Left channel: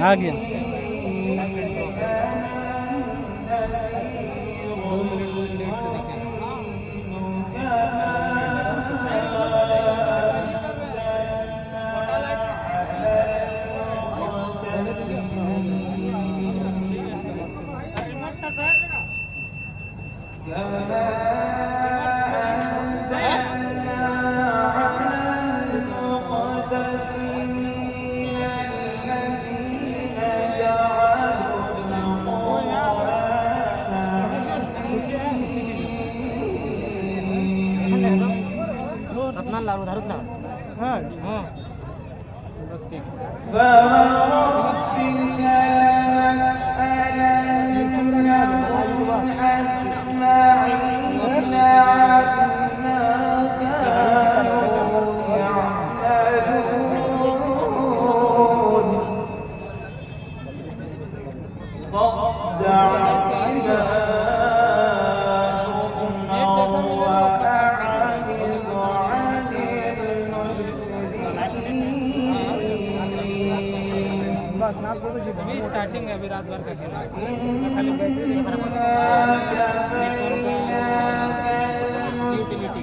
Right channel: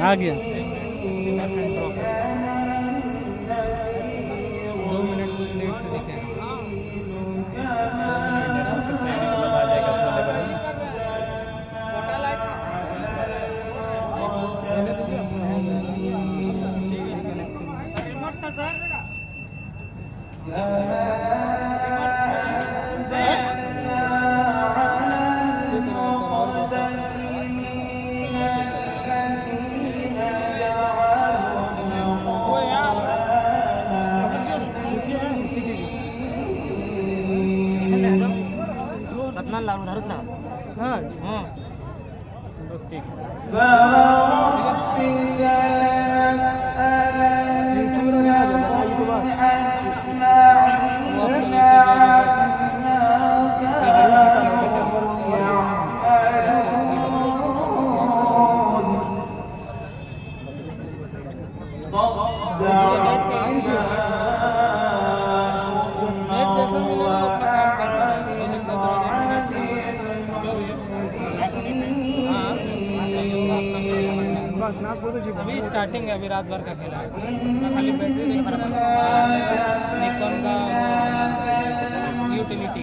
आ गया। लाडू धरत ना हां बस ठीक अभी स्टार्टिंग है, अभी रात भर का खेला है, खाली बैटरी यूटिलिटी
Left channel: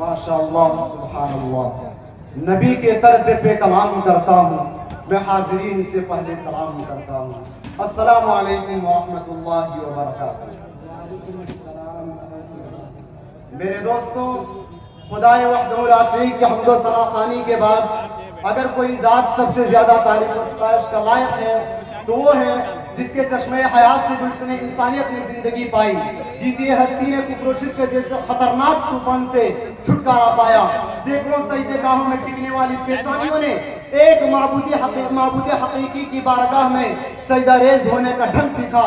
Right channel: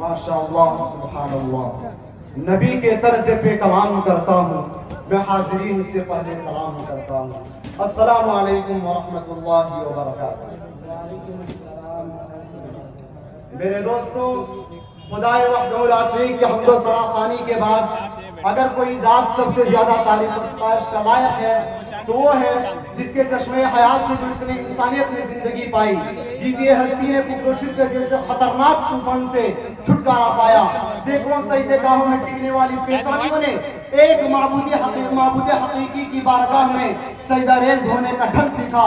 माशाअल्लाह सुभानअल्लाह। नबी के तर्ज पे कलाम करता हूँ मैं, हाज़रीन से पहले सलाम करता हूँ। अस्सलामु अलैकुम व रहमतुल्लाहि व बरकातुहू। मेरे दोस्तों, खुदाए वहदहू ला शरीक के हम्द व सना खानी के बाद अगर कोई ज़ात सबसे ज्यादा तारीफ और सताइश का लायक है तो वो है जिसके चश्मे हयात से गुलशन इंसानियत ने जिंदगी पाई। जीती हस्ती ने कुफ्र शिर्क जैसे खतरनाक तूफान से छुटकारा पाया। सैकड़ों सजदेगाहों में टिकने वाली पेशानियों ने एक माबूद हकीकी की बारगाह में सजदा रेज होने का ढंग सीखा।